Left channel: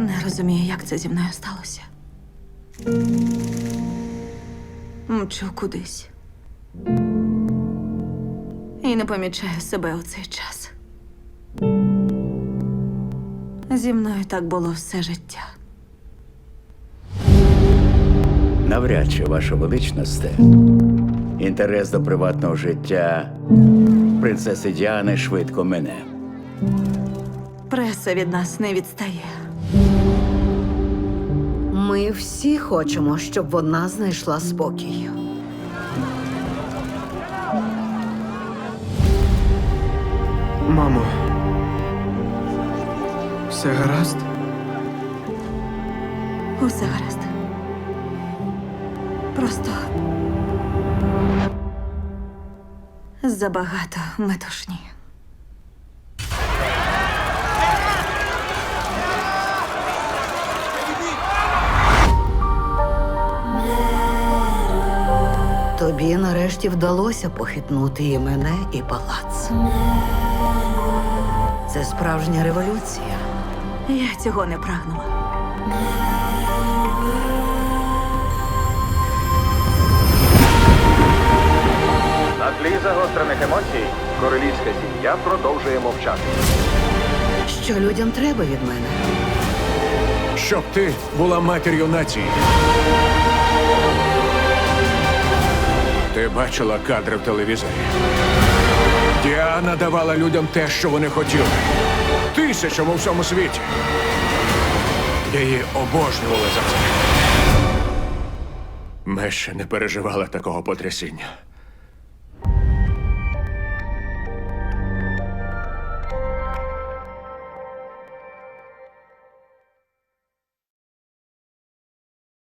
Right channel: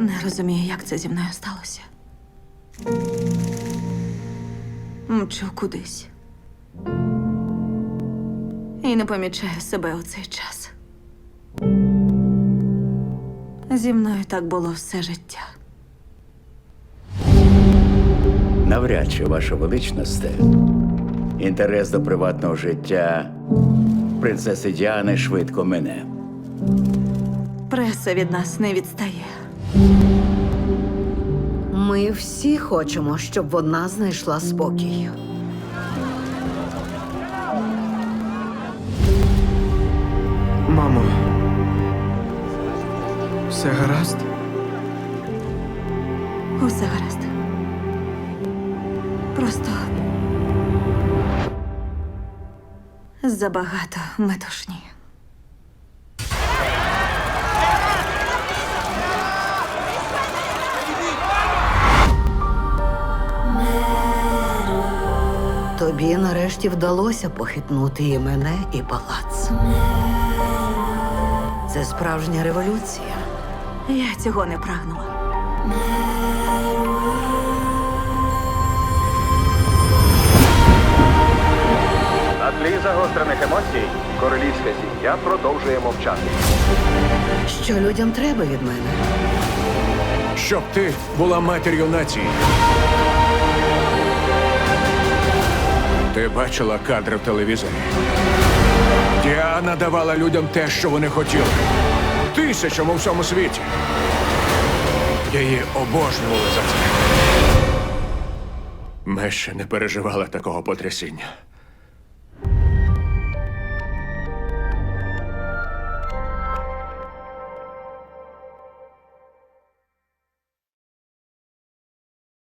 Не розумію, як це зі мною сталося. Мчу кудись. І не помічаю себе у цей час. Зі мною так було все життя. Навряд чи, ваша величносте, інтерес до приватного життя принцеси Діани швидко мине. Преса від нас не відстає. Ми всі хочемо, щоб вона знайшла спокій. Мамо. Все гаразд? Усе гаразд. Просто забагато метушні. Тобі нарешті вдалося похитнути і мене, і палац. Це справжня революція. Я цього не прагнула. На тлі загострених емоцій королівська сім'я продовжує мовчати. Що людям треба від мене? Щоб ти була матір'ю нації. Ти бачила кадри в телевізорі. Діана давала людям те, що вони хотіли. Тисячам у всьому світі. Її обожнювали за це. Ми ще не переживали такого потрясіння.